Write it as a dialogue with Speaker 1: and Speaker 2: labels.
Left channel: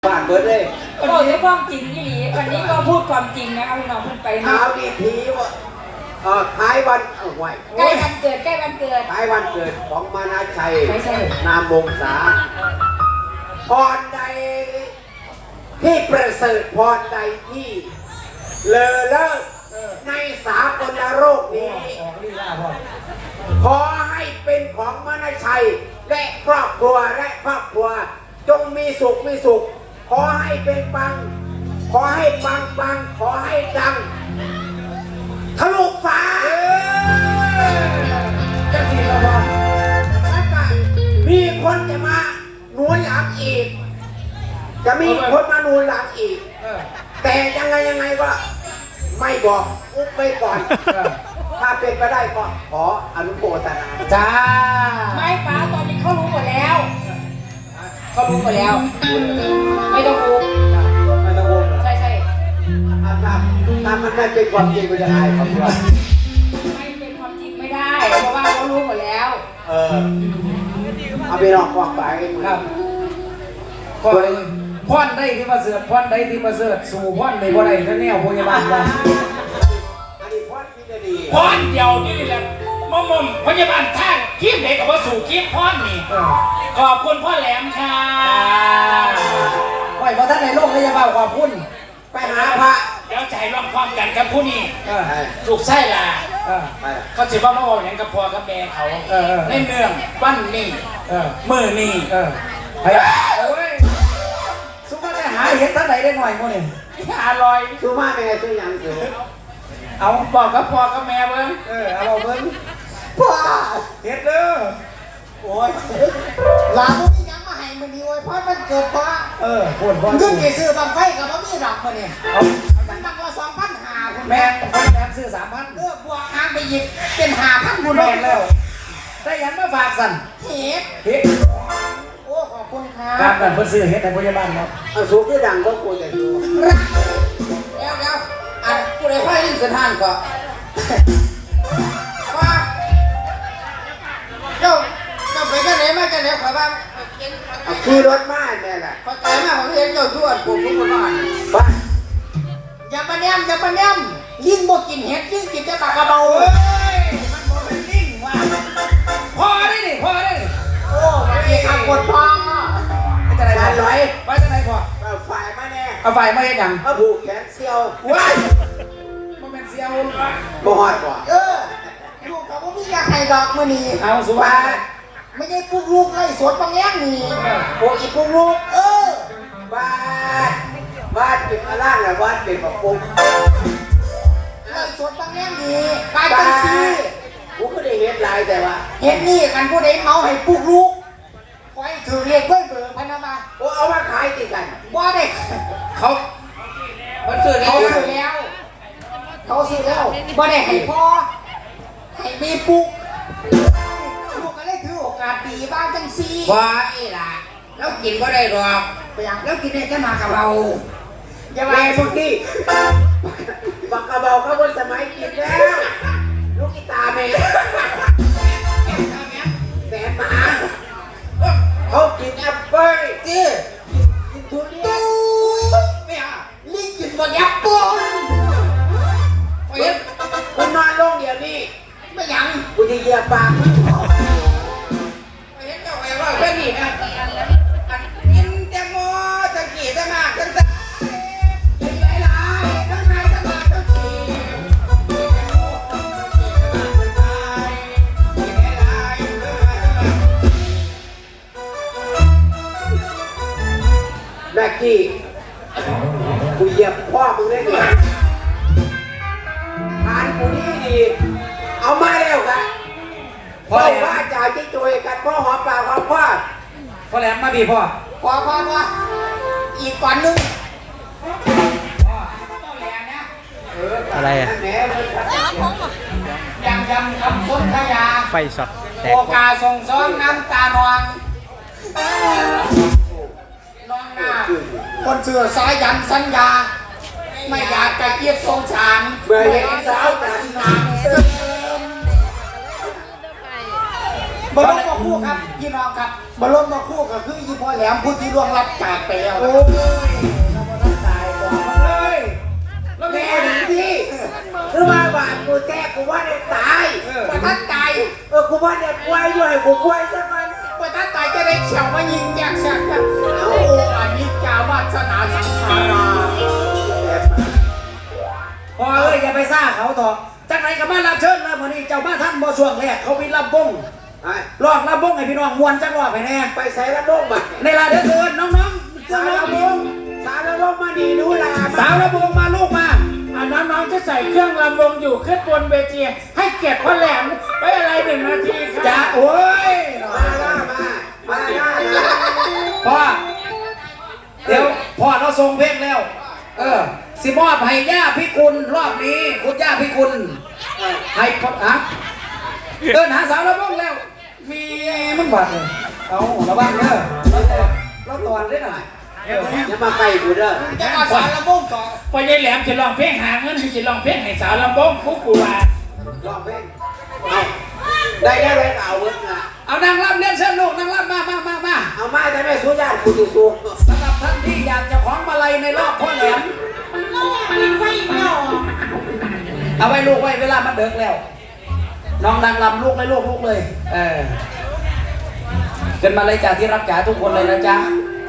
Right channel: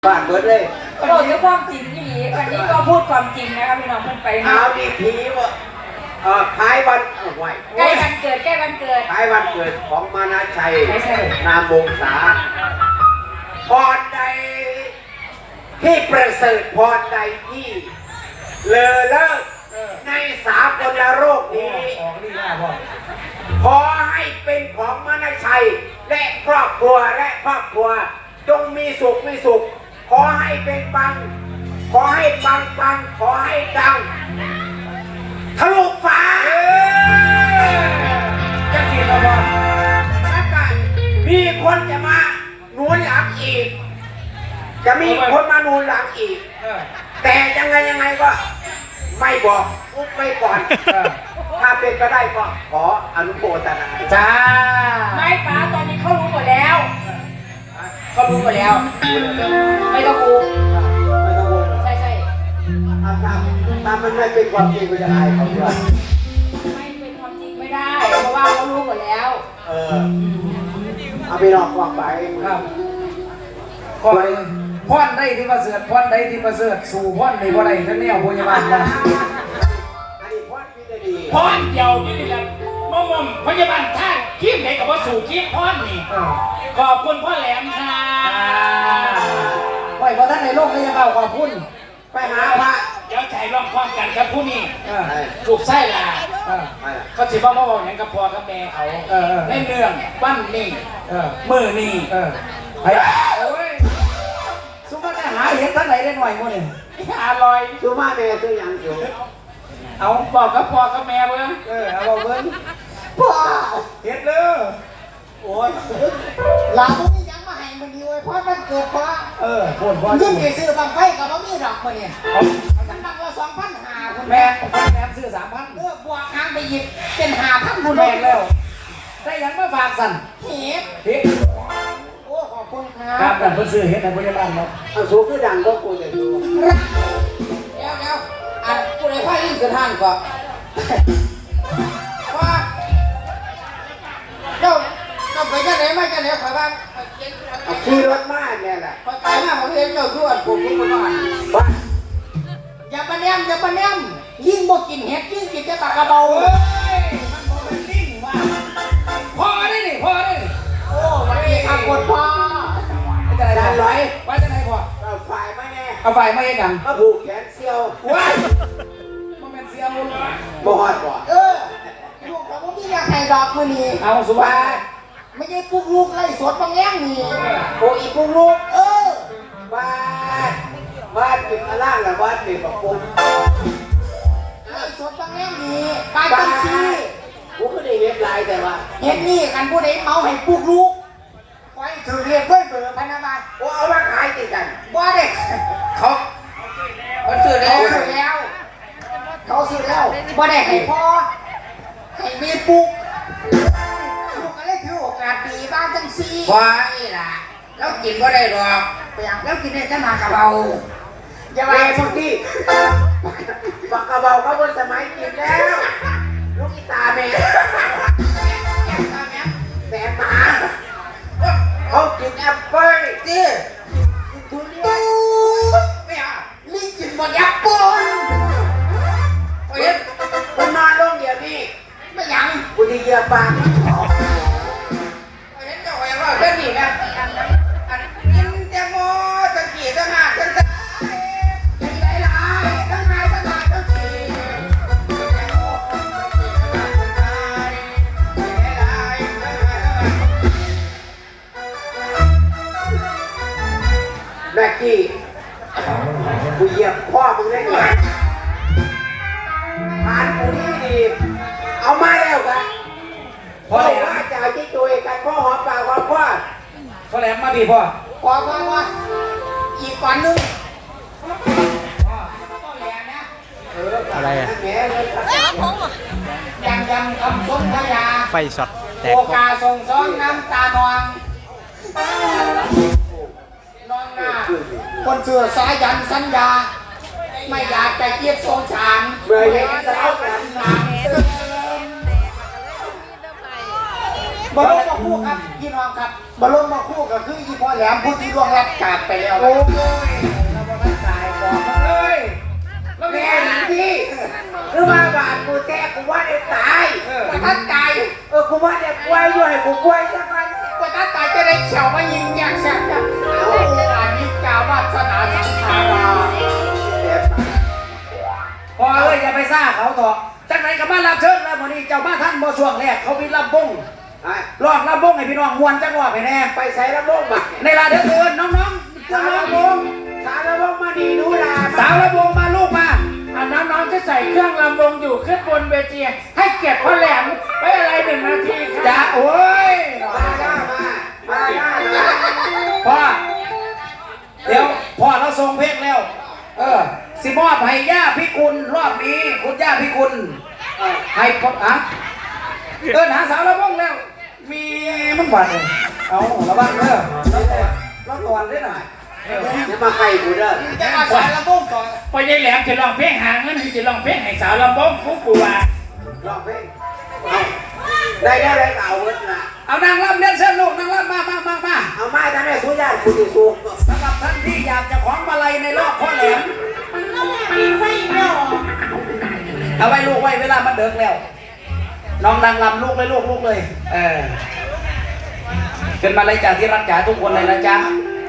Speaker 1: บ้านเบิดเลย
Speaker 2: โอ้ยความจริงที่นี่วันนี้ก็พูดความจริงนะครับพี่น้องเพิ่นไปนะ
Speaker 1: เอาดีทีว่าขายวันไหว
Speaker 2: ใกล้วันเกิดข
Speaker 1: ายวันเกิดของมานาชัยนามวงศาพรใดที่ประเสริฐพรใดที่เลอเลิศในสากลโลกนี้ขอให้เป็นของมานาชัยและครอบครัวจงมีสุขขอให้เป็นปังขอให้ปังขอให้ดังทะลุฟ้า
Speaker 2: จะสิระวัง
Speaker 1: ถ้ากันมีคนจะมาหนุนหลังอีกจะมีคนมาหนุนหลังอีกแต่ยังไงก็ไม่บอกอุ๊บไปก่อนถ้าเป็นก็ได้ก็ขออนุโมทนา
Speaker 2: จ้าไม่ป้าตอนนี้เขารู้หมดแล้วไม่ต้องรู้ใช่
Speaker 1: ถ้ามันไม่เป็นความจริงก็จะได้ครับ
Speaker 2: ไม่เป็นความจริงไม่ได้เพราะว่าเขารู้หมดแล้ว
Speaker 1: เอาไปนอกกองไป
Speaker 3: ก็พ่อนได้ที่มาเสือกพ่อนได้ที่มาเสือกสู่พ่อนในบ่ได้แล้วเนี่ยพยาบาลว่า
Speaker 4: พ่อนเดียวนี่แหละมุมพยาบาลท่านคีบไหนกับว่าสู่คีบพ่อนนี่ขอบคุณพ่อแหลมค่ะ
Speaker 3: ไว้เพราะท่านในโลกนี้จะเอาขอบคุณ
Speaker 1: ไปหาพระ
Speaker 4: เดี๋ยวใจร่องคล้องกันกับผู้นี้ถูกไส้ล่ะเขาจะว่าพ่ออย่างกับพ่อกับแม่เขาในเมืองบ้านนี่มือนี่
Speaker 3: โอ้ยสุมาจะหาเห็ดท่านไหนได้หน่อยมั้งเนี่ย
Speaker 4: อร่อย
Speaker 1: สุมาแม่สุยังสุ
Speaker 4: เอาบอกกับพ่อกับแม่เบิ้ง
Speaker 3: เอาเบิ้ง
Speaker 1: พ่อ
Speaker 3: เห็ดเด้อ
Speaker 1: โอ้ยหลานพวกนี้ยังมาให้มันดีโอ้ยพ่อมันเกิดพ่อ
Speaker 3: พูดพ่อ
Speaker 1: เงินกี่ซื้อบางไฟกับบ่มีดอกมาเนี่ยมันบังละ2,500คุณ
Speaker 3: แม่
Speaker 1: แม่
Speaker 3: ซื้อ3,000
Speaker 1: บวกหางไปอีกเป็น5,000คุณ
Speaker 3: แม่แล้วได้ยังมาฝากสั่น
Speaker 1: เฮ็ดโอ้ขอบคุณ
Speaker 3: ครับเพิ่นซื้อเฮ็ดในพยาบาลเนาะ
Speaker 1: สูงคือดังก็กูแต่ดู
Speaker 2: แล้วอันผู้ใดพ่อยิ่งสถานก็ว่าเจ้าไปเจ้าไหนมาเจ้าไหนขอบ้าง
Speaker 1: ขี่รถมาเนี่ยแหละ
Speaker 2: ขอใจมากผมเห็นเจ้าทั่วผมก็มา
Speaker 1: บ้าน
Speaker 2: อย่าปะแนมยิ่งบ่กินเห็ดยิ่งกินจะปากกระเบา
Speaker 3: มันบ่เป็นลิงว่าพอได้นี่โอ้
Speaker 2: ยขับกดพ่อ
Speaker 3: จะไหนร้อยไปจะไหนพ่อ
Speaker 1: ฝ่ายมาแน่
Speaker 3: เอาฝ่ายมาให้ดัง
Speaker 1: เอาผูกแขนเสียว
Speaker 3: ว้ายมันเป็นเสียว
Speaker 1: บ่ฮอดบ่
Speaker 2: ลูกกับผมมีอยากให้ดอกมื้อนี้
Speaker 3: เอาสุภาพ
Speaker 2: ไม่ได้ปลุกลูกไล่สวนบางแง่นี่
Speaker 1: โอ้อีปลุกลูกบ้านเป็นอะไรล่ะบ้านเป็นแบบปุ๊บ
Speaker 2: ไล่สวนบางแง่นี่ไปจังซี่
Speaker 1: กูก็ได้เฮ็ดหลายแต่ว่า
Speaker 2: เฮ็ดนี่กันผู้ใดเอาให้ปลุกลูกไว้ถือเรียกเบิ่งเบอร์พันบาท
Speaker 1: โอ้เอาว่าขายติกัน
Speaker 2: บ่ได้เขาซื้อแล้วบ่ได้ให้พ่อให้แม่ปลุกลูกก็เลยถือโอกาสดีบ้างจังซี่
Speaker 3: ว้ายล่ะแล้วกินบ่ได้ดอก
Speaker 2: แล้วกินได้แต่มากระเบา
Speaker 1: อย่าไปบางทีปากกระเบาเขาบนสมัยกินแล้วลูกกีตาแม่แต่หมาเขากินแอปเปิ้ล
Speaker 2: กิน
Speaker 1: ทุเรียน
Speaker 2: ไม่เอาลิงกินบนแอปเปิ้ล
Speaker 1: คุณนอนลงเดี๋ยวนี้
Speaker 2: ไม่ยัง
Speaker 1: กูที่เยื่อปาก
Speaker 2: เห็นเจ้าแหวนว่าเพื่อนนี่นะกินแตงโมตะกี้ตะหากตะหลายทั้งไงทั้งหลายทั้งสี่
Speaker 1: แม็กกี้กูเหยียบพ่อมึงได้ไงผ่านกูนี่ดีเอามาแล้วกันพ่อว่าจ่ายที่ตัวกันพ่อหอมปากหอมพ่อ
Speaker 3: พ่อแหลมมาพี่พ่อ
Speaker 2: อีกวันนึง
Speaker 5: อะไรอ่ะ
Speaker 2: ยำคำพ้นพยา
Speaker 5: ไฟสดแตก
Speaker 2: โอกาส่งซ้อนน้ำตานองน้องหน้าคนเสือสายยันสัญญาไม่อยากจะเกียบสงสาร
Speaker 1: เมื่อเห็นสาวกัน
Speaker 2: น้ำ
Speaker 3: บรมมาคู่ครับพี่น้องครับบรมมาคู่ก็คือยี่พ่อแหลมผู้ที่ล่วงลับจากไปแล้วโอ้ยเราบ่ทันตายก่อนเลยแล้ว
Speaker 1: แม่
Speaker 3: แม่
Speaker 1: หนีที่คือว่าบาปกูแจ้กูว่าได้ตาย
Speaker 2: ประทับใจ
Speaker 1: กูว่าได้ป่วยด้วยกูป่วยซะมัน
Speaker 2: ประทับใจจะได้เขียวมายิงแยกแสบกันโอ้อันนี้กาวาสนาสังขาร
Speaker 3: พอเอ้ยอย่าไปซ่าเขาต่อจังไหนกับบ้านรับเชิญแล้ววันนี้เจ้ามาท่านบ่ช่วงแรกเขามีลำบงรอบลำบงให้พี่น้องมวนจังรอบไปแน่
Speaker 1: ไปใส่ระบบมา
Speaker 3: ในลาเดือดเดือนน้องๆเจ้าน้องบง
Speaker 1: สารระบบมาดีดูลา
Speaker 3: สาวลำบงมาลูกมา
Speaker 4: อันน้องๆจะใส่เครื่องลำวงอยู่ขึ้นบนเวทีให้เกียรติพ่อแหลมไว้อะไร1 นาทีค
Speaker 3: จ้า
Speaker 4: รับ
Speaker 3: โอ้ย
Speaker 1: มาหน้ามาหน้า
Speaker 3: พ่อเดี๋ยวพ่อเราส่งเพลงแล้ว สิมอบให้ย่าพิกุลรอบนี้คุณย่าพิกุลให้พ่อฮะเดินหาสาวลำบงแล้ว มีมึงบ้าเอาระวังเด้อเราตอนได้หน่อย
Speaker 1: จะมาไปกูเด้อ
Speaker 2: จะอาศัยระบบก่อน
Speaker 4: พอยายแหลมจะลองเพลงหางเงินที่จะลองเพลงให้สาวลำวงกูกลัว
Speaker 1: ลองเพลงได้แล้วได้เอาเงินละ
Speaker 3: เอานางรำเน้นเส้นลูกนางรำมา
Speaker 1: เอามาจะได้สู้ยากกูจะสู้
Speaker 3: สำหรับท่านที่อยากจะของมาลัยในรอบพ่อแหลมเอาไว้ลูกไว้เวลามันเดิกแล้ว น้องนางรำลูกเลยลูกเลย เกินมาเลยจ้าที่รักจ๋าทุกคนเลยนะจ๊ะ